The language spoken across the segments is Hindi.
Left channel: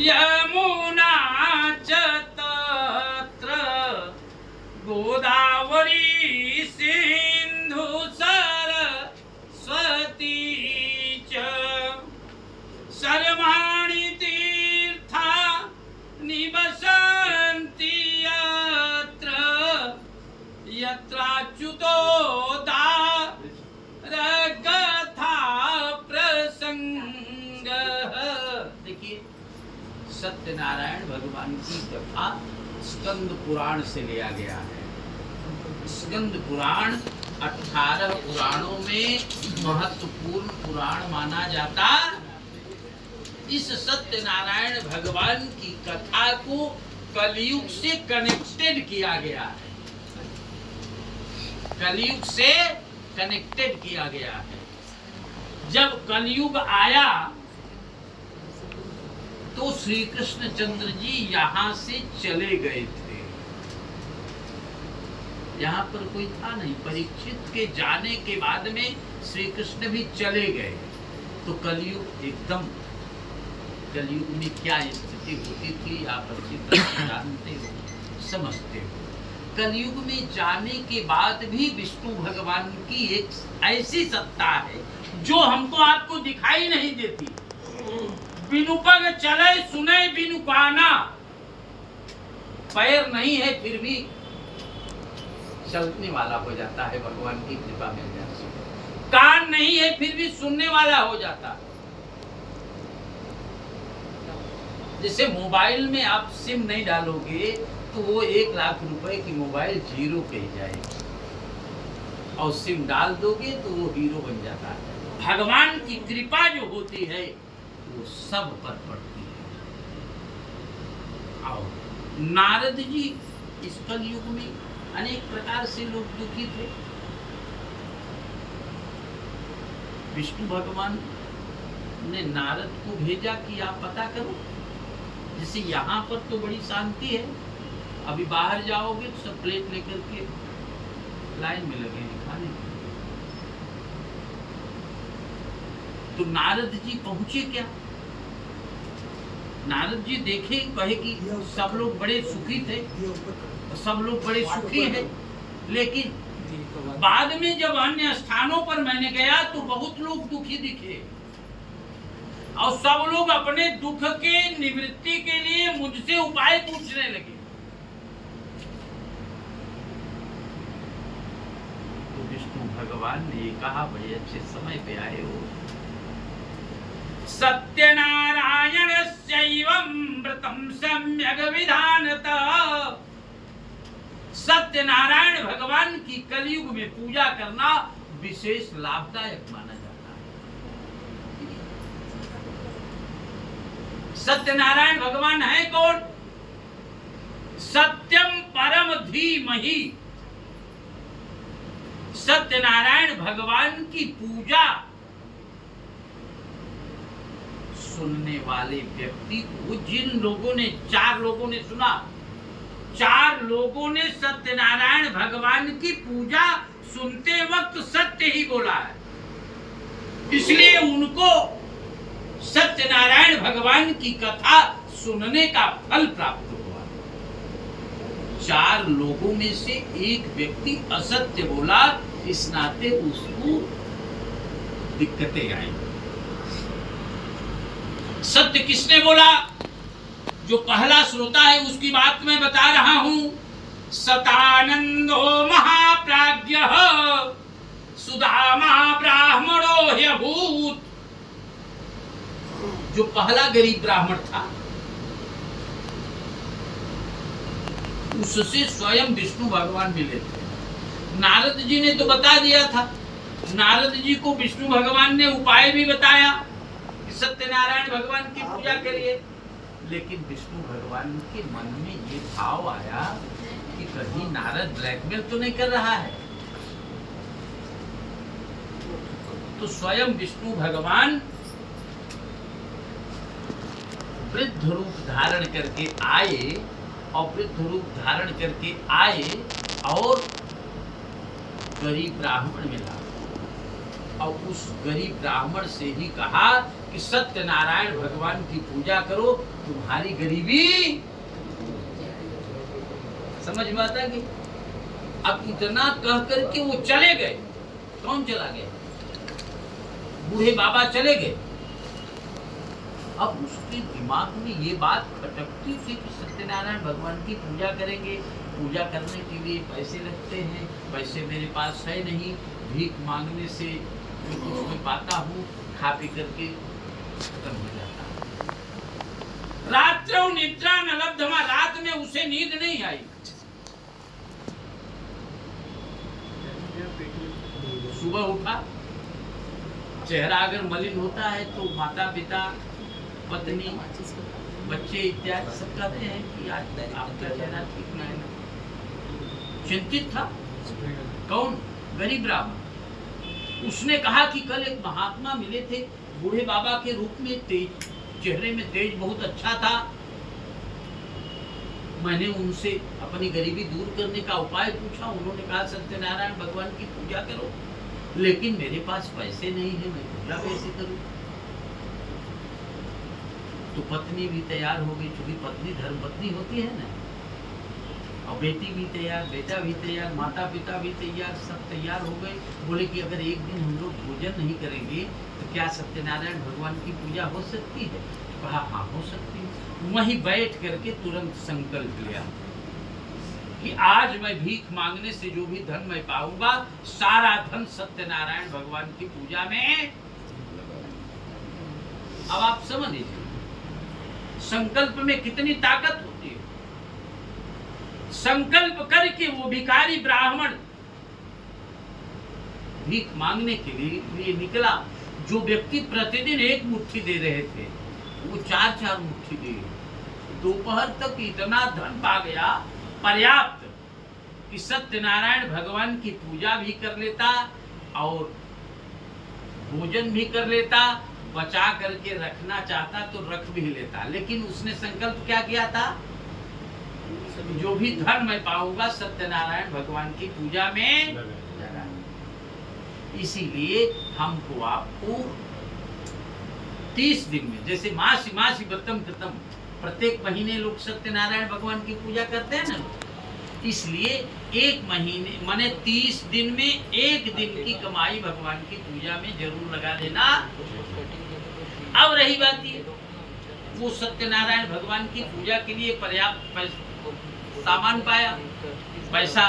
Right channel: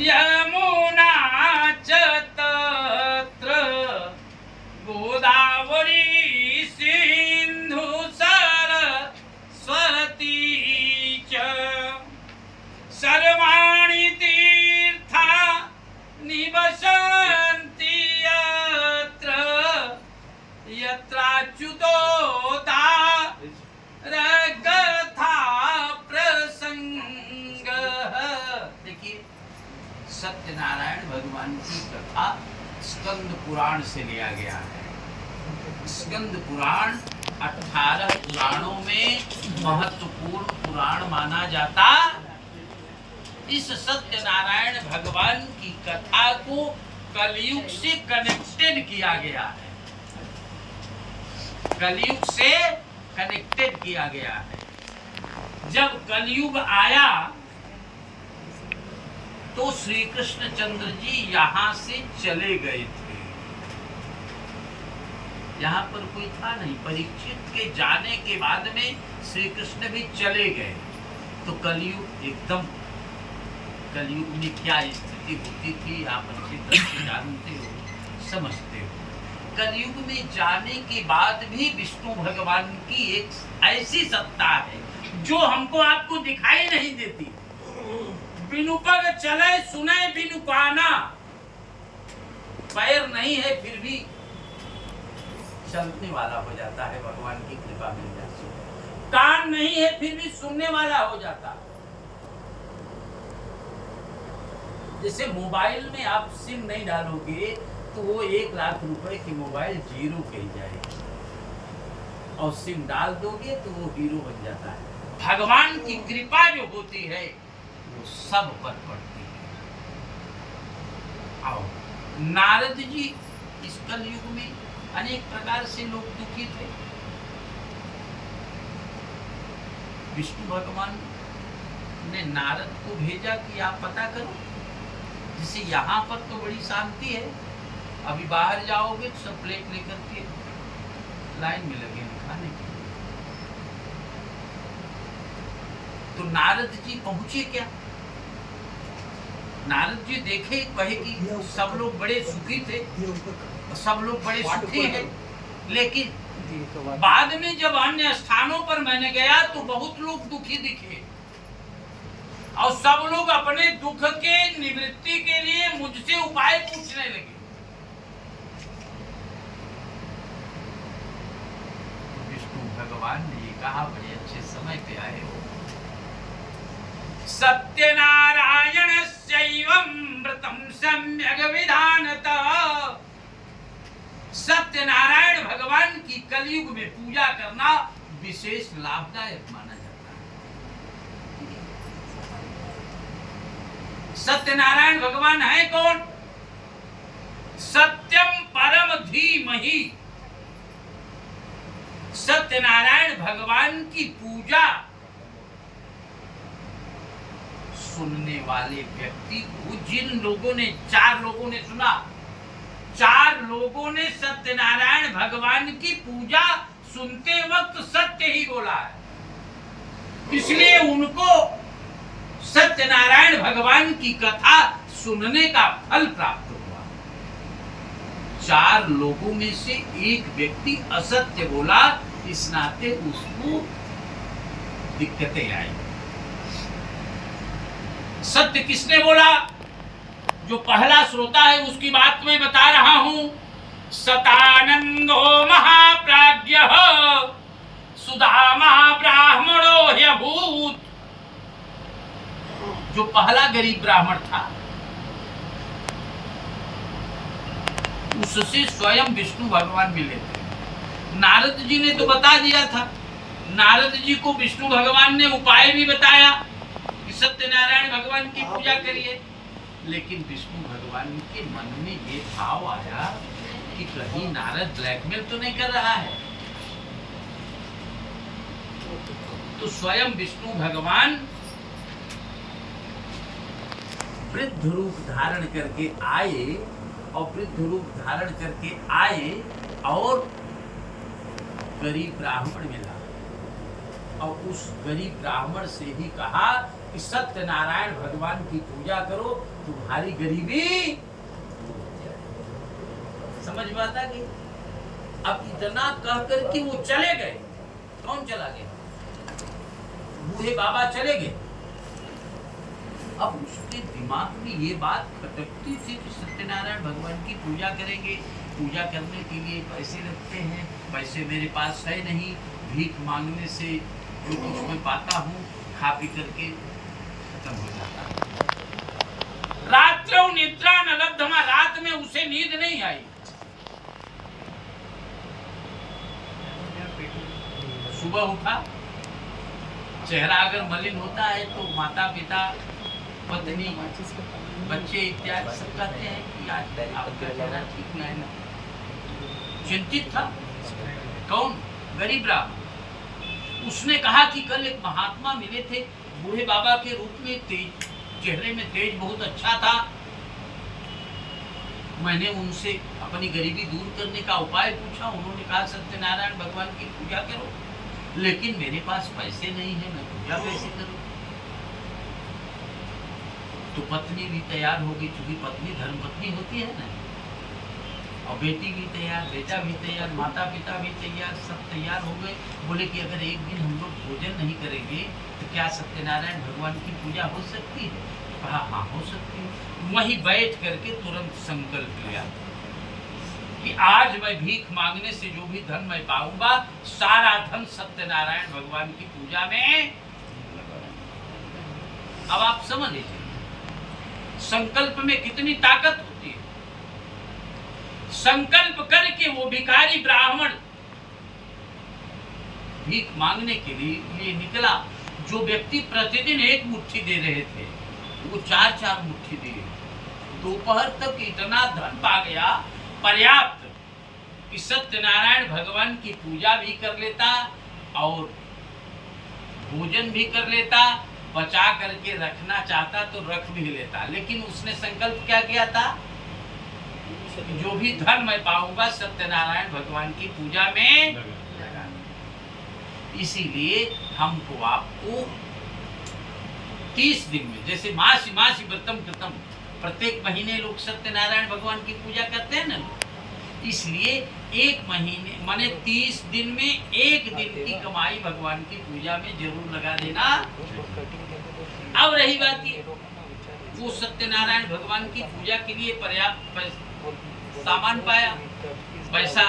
यमुना च तत्र गोदावरी सिंधु सरस्वती च सर्वाणि तीर्था निवसन्ति यत्र यत्राच्युतो दारगथा प्रसंगः। देखिए, सत्यनारायण भगवान की कथा स्कंद पुराण से लिया गया है। स्कंद पुराण 18 पुराणों में महत्वपूर्ण पुराण माना जाता। इस सत्यनारायण भगवान की कथा को कलयुग से कनेक्टेड किया गया है। कलयुग से कनेक्टेड किया गया है। जब कलयुग आया तो श्री कृष्ण चंद्र जी यहाँ से चले गए थे। यहाँ पर कोई था नहीं। परीक्षित के जाने के बाद में श्री कृष्ण भी चले गए। तो कलयुग एकदम, कलयुग में क्या स्थिति होती थी आप अच्छी तरह से जानते हो, समझते हो। कलयुग में जाने के बाद भी विष्णु भगवान की एक ऐसी सत्ता है जो हमको आपको दिखाई नहीं देती। बिनु पग चले सुने बिनु काना, पैर नहीं है फिर भी चलने वाला हो जाता है, भगवान की कृपा मिल जाती है। कान नहीं है फिर भी सुनने वाला हो जाता है। जैसे मोबाइल में आप सिम नहीं डालोगे तो वो 1 लाख रुपए की मोबाइल जीरो पे ही जाएगी, और सिम डाल दोगे तो वो हीरो बन जाता है। भगवान की कृपा जो होती है वो सब पर पड़ती है। और नारद जी इस कलयुग में अनेक प्रकार से लोग दुखी थे। विष्णु भगवान ने नारद को भेजा कि आप पता करो। जैसे यहाँ पर तो बड़ी शांति है, अभी बाहर जाओगे तो सब प्लेट लेकर के लाइन में लगे हैं खाने के। तो नारद जी पहुंचे क्या? नारद जी देखे, कहे कि सब लोग बड़े सुखी थे, सब लोग बड़े सुखी हैं। लेकिन बाद में जब अन्य स्थानों पर मैंने गया तो बहुत लोग दुखी दिखे, और सब लोग अपने दुख के निवृत्ति के लिए मुझसे उपाय पूछने लगे। तो विष्णु भगवान ने कहा, बड़े अच्छे समय पे आए हो। सत्यनारायण शैवं व्रतम सम्यक विधानतः। सत्यनारायण भगवान की कलयुग में पूजा करना विशेष लाभदायक माना जाता है। सत्यनारायण भगवान है कौन? सत्यम परम धीमहि। सत्यनारायण भगवान की पूजा सुनने वाले व्यक्ति को, जिन लोगों ने, 4 लोगों ने सुना, 4 लोगों ने सत्यनारायण भगवान की पूजा सुनते वक्त सत्य ही बोला है, इसलिए उनको सत्यनारायण भगवान की कथा सुनने का फल प्राप्त हुआ। 4 लोगों में से एक व्यक्ति असत्य बोला, इस नाते उसको दिक्कतें आई। सत्य किसने बोला? जो पहला श्रोता है उसकी बात मैं बता रहा हूं। सतानंदो महाप्राज्ञः सुदामा ब्राह्मणो ह्यभूत। जो पहला गरीब ब्राह्मण था उससे स्वयं विष्णु भगवान मिले थे। नारद जी ने तो बता दिया था, नारद जी को विष्णु भगवान ने उपाय भी बताया कि सत्यनारायण भगवान की पूजा करिए। लेकिन विष्णु भगवान के मन में ये भाव आया कि कहीं नारद ब्लैकमेल तो नहीं कर रहा है। तो स्वयं विष्णु भगवान वृद्ध रूप धारण करके आए, और वृद्ध रूप धारण करके आए और गरीब ब्राह्मण मिला, और उस गरीब ब्राह्मण से ही कहा कि सत्यनारायण भगवान की पूजा करो, तुम्हारी गरीबी समझ में आता कि अब इतना कह करके वो चले गए। कौन चला गया? बूढ़े बाबा चले गए। अब उसके दिमाग में ये बात खटकती थी कि सत्यनारायण भगवान की पूजा करेंगे, पूजा करने के लिए पैसे लगते हैं, पैसे मेरे पास है नहीं, भीख मांगने से जो कुछ मैं पाता हूँ खा पी करके खत्म हो जाता है। रात्रों निद्रा न लब्धमा, रात में उसे नींद नहीं आई। सुबह उठा, चेहरा अगर मलिन होता है तो माता पिता, पत्नी, बच्चे इत्यादि सब कहते हैं कि आज आपका चेहरा ठीक नहीं है। चिंतित था। कौन? गरीब ब्राह्मण। उसने कहा कि कल एक महात्मा मिले थे बूढ़े बाबा के रूप में, तेज चेहरे में तेज बहुत अच्छा था। मैंने उनसे अपनी गरीबी दूर करने का उपाय पूछा। उन्होंने कहा सत्यनारायण भगवान की पूजा करो, लेकिन मेरे पास पैसे नहीं है, मैं पूजा कैसे करूं? तो पत्नी भी तैयार हो गई, क्योंकि पत्नी धर्मपत्नी होती है ना, और बेटी भी तैयार, बेटा भी तैयार, माता पिता भी तैयार, सब तैयार हो गए। बोले कि अगर एक दिन हम लोग भोजन नहीं करेंगे तो क्या सत्यनारायण भगवान की पूजा हो सकती है? कहा हाँ हो सकती है। वहीं बैठ करके तुरंत संकल्प लिया कि आज मैं भीख मांगने से जो भी धन मैं पाऊंगा, सारा धन सत्यनारायण भगवान की पूजा में लगा। अब आप समझ लीजिए संकल्प में कितनी ताकत होती है। संकल्प करके वो भिखारी ब्राह्मण भीख मांगने के लिए निकला। जो व्यक्ति प्रतिदिन एक मुट्ठी दे रहे थे, वो 4-4 मुट्ठी दिए। दोपहर तक इतना धन पा गया, पर्याप्त, कि सत्यनारायण भगवान की पूजा भी कर लेता और भोजन भी कर लेता। बचा करके रखना चाहता तो रख भी लेता, लेकिन उसने संकल्प क्या किया था? जो भी धन मैं पाऊंगा सत्यनारायण भगवान की पूजा में लगा। इसीलिए हमको आपको 30 दिन में, जैसे मासी मासी व्रतम कृतम, प्रत्येक महीने लोग सत्यनारायण भगवान की पूजा करते हैं ना, इसलिए एक महीने माने 30 दिन में एक दिन की कमाई भगवान की पूजा में जरूर लगा देना। अब रही बात ये, वो सत्यनारायण भगवान की पूजा के लिए पर्याप्त सामान पाया, पैसा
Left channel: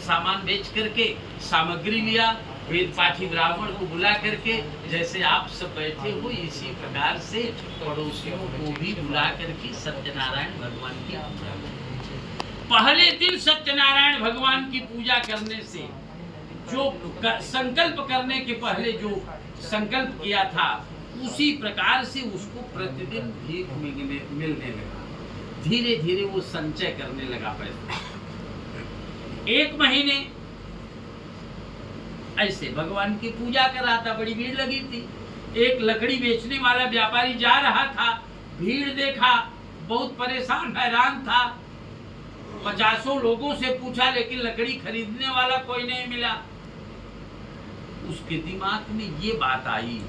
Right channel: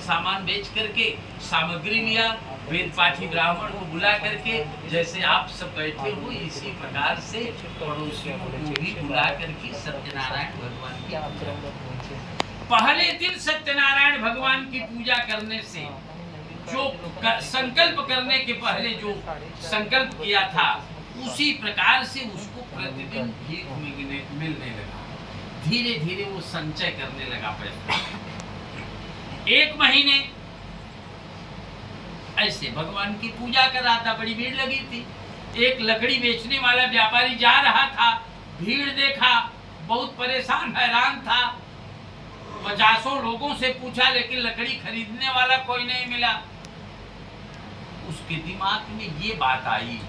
सामान बेच करके सामग्री लिया, वेद पाठी ब्राह्मण को बुला करके, जैसे आप सब बैठे हो इसी प्रकार से पड़ोसियों को भी बुला करके सत्यनारायण भगवान की पूजा। पहले दिन सत्यनारायण भगवान की पूजा करने से जो संकल्प करने के पहले जो संकल्प किया था, उसी प्रकार से उसको प्रतिदिन भीख मिलने लगा। धीरे धीरे वो संचय करने लगा पैसा। 1 महीने ऐसे भगवान की पूजा कर रहा था, बड़ी भीड़ लगी थी। एक लकड़ी बेचने वाला व्यापारी जा रहा था, भीड़ देखा, बहुत परेशान हैरान था। 50 लोगों से पूछा, लेकिन लकड़ी खरीदने वाला कोई नहीं मिला। उसके दिमाग में ये बात आई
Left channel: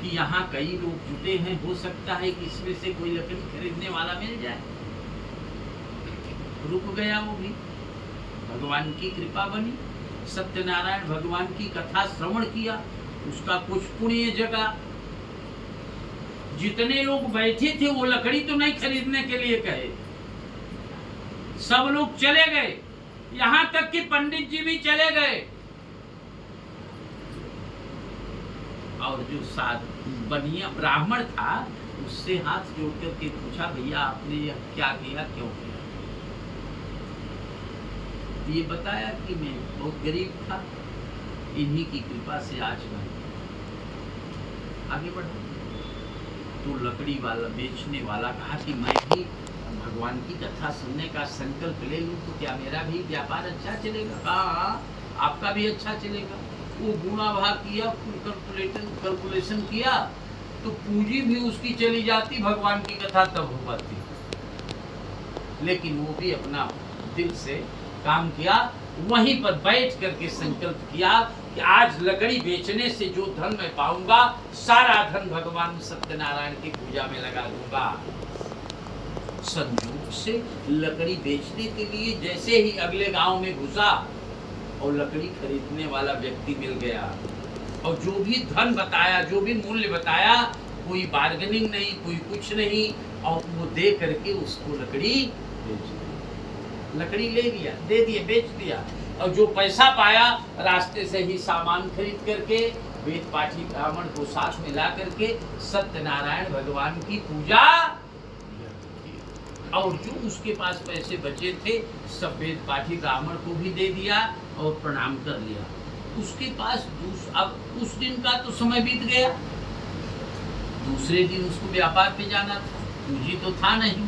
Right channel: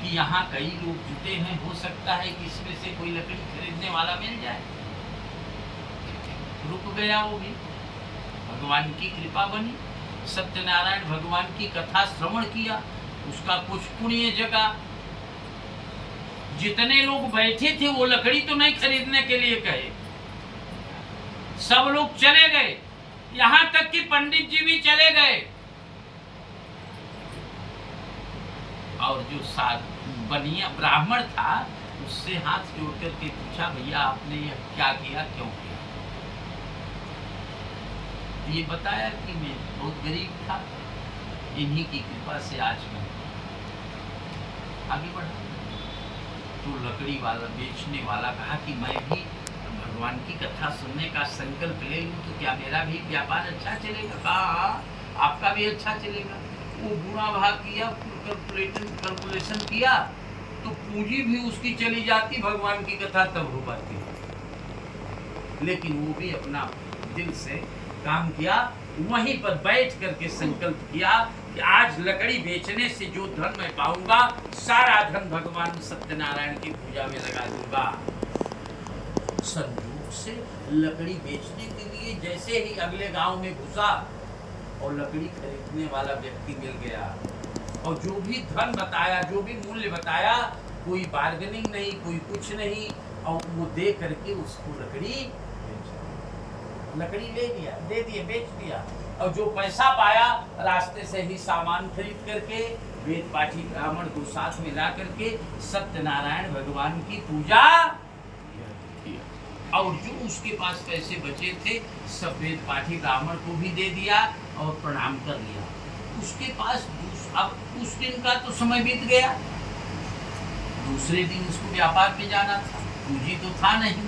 कि यहाँ कई लोग जुटे हैं, हो सकता है कि इसमें से कोई लकड़ी खरीदने वाला मिल जाए। रुक गया वो भी, भगवान की कृपा बनी, सत्यनारायण भगवान की कथा श्रवण किया, उसका कुछ पुण्य जगा। जितने लोग बैठे थे वो लकड़ी तो नहीं खरीदने के लिए कहे, सब लोग चले गए, यहाँ तक कि पंडित जी भी चले गए। और जो बनिया ब्राह्मण था उससे हाथ जोड़ करके पूछा, भैया आपने यह क्या किया, क्यों किया? ये बताया कि मैं बहुत गरीब था, इन्हीं की कृपा से आज मैं आगे बढ़ा। तो लकड़ी वाला बेचने वाला कहा कि मैं भी भगवान की कथा सुनने का संकल्प ले लूं तो क्या मेरा भी व्यापार अच्छा चलेगा? हाँ, आपका भी अच्छा चलेगा। वो गुणा भाग किया, कैलकुलेशन किया, तो पूंजी भी उसकी चली जाती, भगवान की कथा तब हो पाती। लेकिन वो भी अपना दिल से काम किया, वहीं पर बैठ करके संकल्प किया कि आज लकड़ी बेचने से जो धन मैं पाऊंगा, सारा धन भगवान सत्यनारायण की पूजा में लगा दूंगा। संयोग से लकड़ी बेचने के लिए जैसे ही अगले गांव में घुसा और लकड़ी खरीदने वाला व्यक्ति मिल गया, और जो भी धन बताया, जो भी मूल्य बताया, कोई बार्गेनिंग नहीं, कोई कुछ नहीं, और वो दे करके उसको लकड़ी बेच दी। लकड़ी ले लिया, दे दिए, बेच दिया, और जो पैसा पाया रास्ते से ही सामान खरीद करके वेद पाठी ब्राह्मण को साथ मिला करके सत्यनारायण भगवान की पूजा, और जो उसके पास पैसे बचे थे सब वेद पाठी ब्राह्मण को भी दे दिया और प्रणाम कर लिया। उसके पास अब उस दिन का तो समय बीत गया, दूसरे दिन उसको व्यापार पे जाना था, पूंजी तो था नहीं,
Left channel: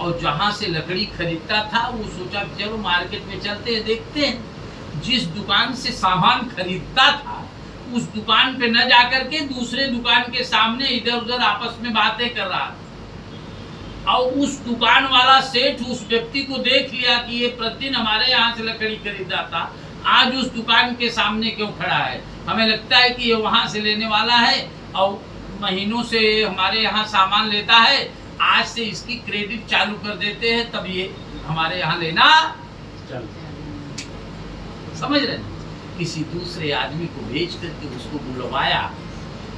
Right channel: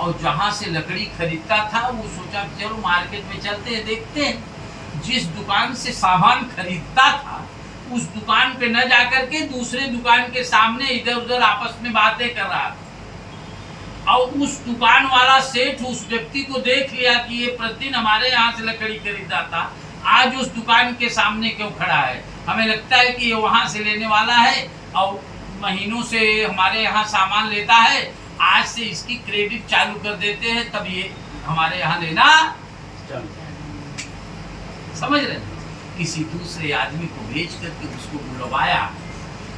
और जहां से लकड़ी खरीदता था वो सोचा चलो मार्केट में चलते हैं, देखते हैं। जिस दुकान से सामान खरीदता था उस दुकान पे न जाकर के दूसरे दुकान के सामने इधर उधर आपस में बातें कर रहा था, और उस दुकान वाला सेठ उस व्यक्ति को देख लिया कि ये प्रतिदिन हमारे यहाँ से लकड़ी खरीदा था, आज उस दुकान के सामने क्यों खड़ा है, हमें लगता है कि ये वहां से लेने वाला है और महीनों से हमारे यहाँ सामान लेता है, आज से इसकी क्रेडिट चालू कर देते हैं, तब ये हमारे यहाँ लेना समझ रहे हैं। किसी दूसरे आदमी को बेच करके उसको बुलवाया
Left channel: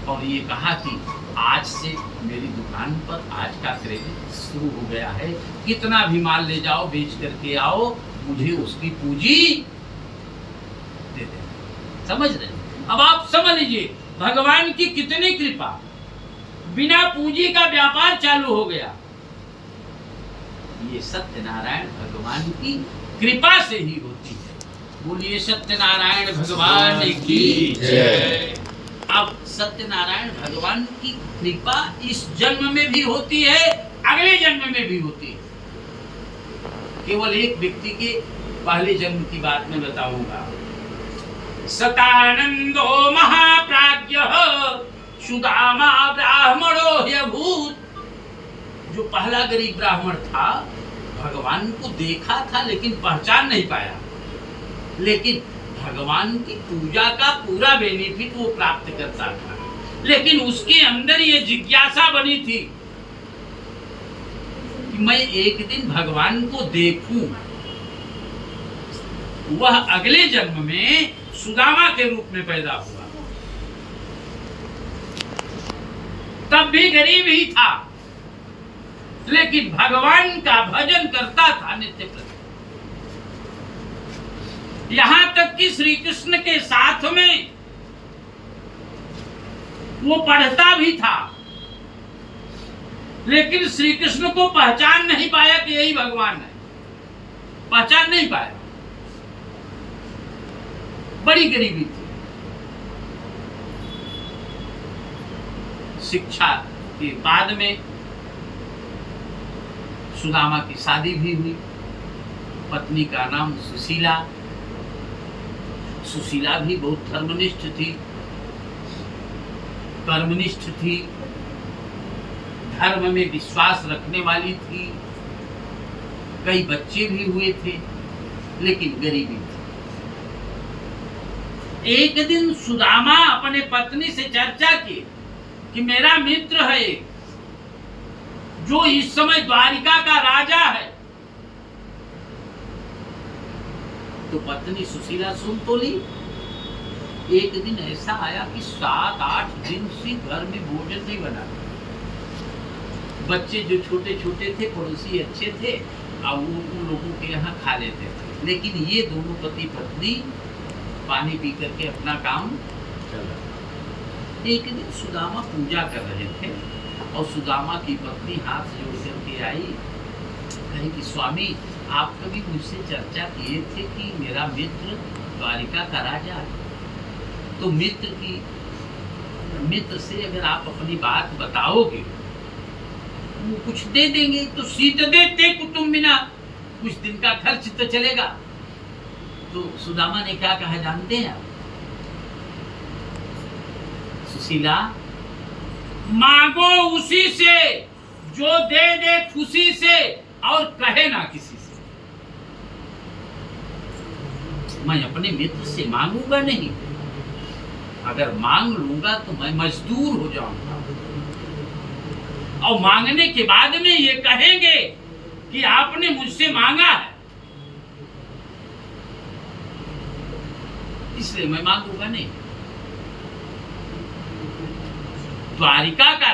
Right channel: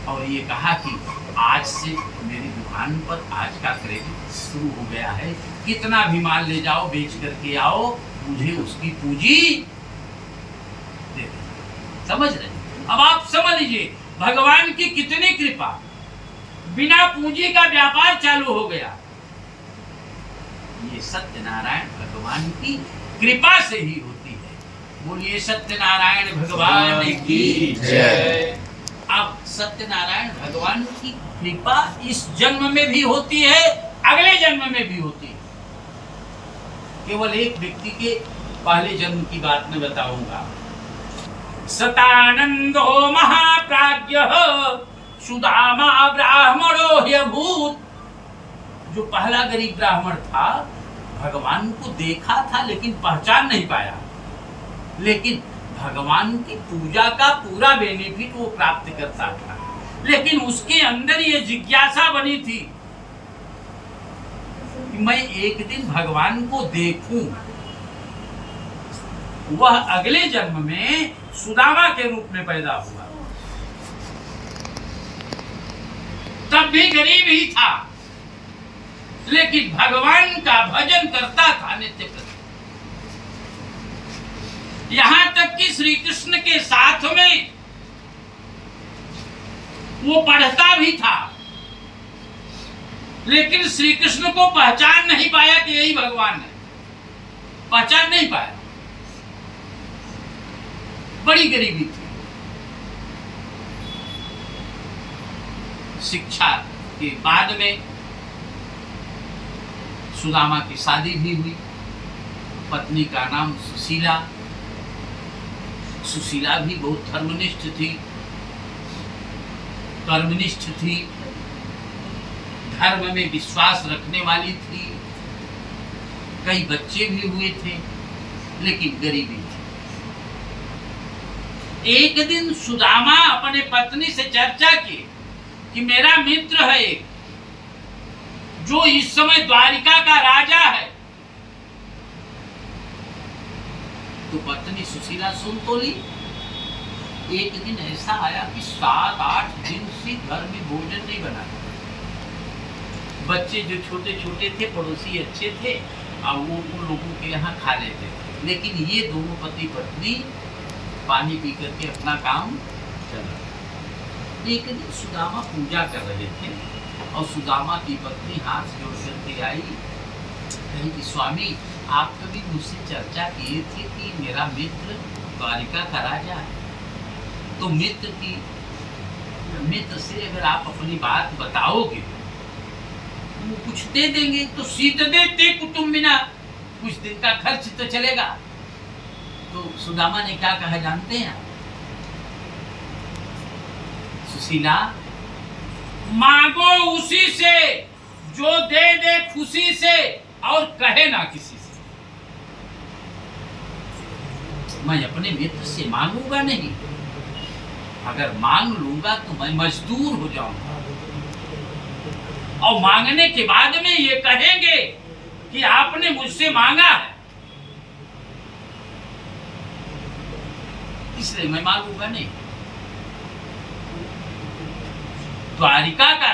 और ये कहा कि आज से मेरी दुकान पर आज का क्रेडिट शुरू हो गया है, कितना भी माल ले जाओ, बेच करके आओ, मुझे उसकी पूंजी दे दे। समझ रहे हैं? अब आप समझ लीजिए भगवान की कितनी कृपा, बिना पूंजी का व्यापार चालू हो गया। ये सत्यनारायण भगवान की कृपा से ही होती है। बोलिए सत्यनारायण भगवान की जय। अब सत्यनारायण भगवान की कृपा इस जन्म में भी होती है, अगले जन्म में भी होती है। केवल एक व्यक्ति के पहले जन्म की बात मैं बताऊंगा। सतानंदो महाप्राज्ञ सुदामा ब्राह्मणो ह्यभूत। जो पहला गरीब ब्राह्मण था, भगवान को देखा था लेकिन पहचान नहीं पाया, लेकिन भगवान की पूजा का पूरा बेनिफिट वो प्राप्त करता था, लेकिन उसके अंदर ये जिज्ञासा बनी थी कि मैं एक दिन भगवान को देखूं। वह अगले जन्म में सुदामा के रूप में पैदा हुआ, तब भी गरीब ही था, लेकिन भगवान का भजन करता था नित्य प्रति। यहां तक कि श्री कृष्ण के साथ में वो पढ़ता भी था, लेकिन श्री कृष्ण को पहचान नहीं पाया कि यही भगवान है, पहचान नहीं पाया, बड़ी गरीबी थी। शिक्षा के बाद में सुदामा की शादी भी हुई, पत्नी का नाम सुशीला। सुशीला भी बहुत धर्मनिष्ठ थी, कर्मनिष्ठ थी, धर्म में विश्वास रखने वाली थी, कई बच्चे भी हुए थे, लेकिन गरीबी थी। एक दिन सुदामा अपने पत्नी से चर्चा की कि मेरा मित्र है जो इस समय द्वारिका का राजा है। तो पत्नी सुशीला सुन तो ली। एक दिन ऐसा आया कि 7-8 दिन से घर में भोजन नहीं बना। बच्चे जो छोटे छोटे थे, पड़ोसी अच्छे थे, अब वो उन लोगों के यहाँ खा लेते थे, लेकिन ये दोनों पति पत्नी पानी पी करके अपना काम चला। एक दिन सुदामा पूजा कर रहे थे और सुदामा की पत्नी हाथ जोड़ करके आई, कही कि स्वामी आप कभी मुझसे चर्चा किए थे कि मेरा मित्र द्वारिका का राजा है, तो मित्र से अगर आप अपनी बात बताओगे वो कुछ दे देंगे, तो सीत देते कुटुम्बिना, कुछ दिन का खर्च तो चलेगा। तो सुदामा ने क्या कहा जानते हैं? सुशीला, मांगो उसी से जो दे दे खुशी से और कहे ना किसी से। मैं अपने मित्र से मांगूंगा नहीं। अगर मांग लूंगा तो मैं मजदूर हो जाऊंगा, और मांगने के बाद में ये कहेंगे कि आपने मुझसे मांगा है, इसलिए मैं मांगूंगा नहीं। द्वारिका का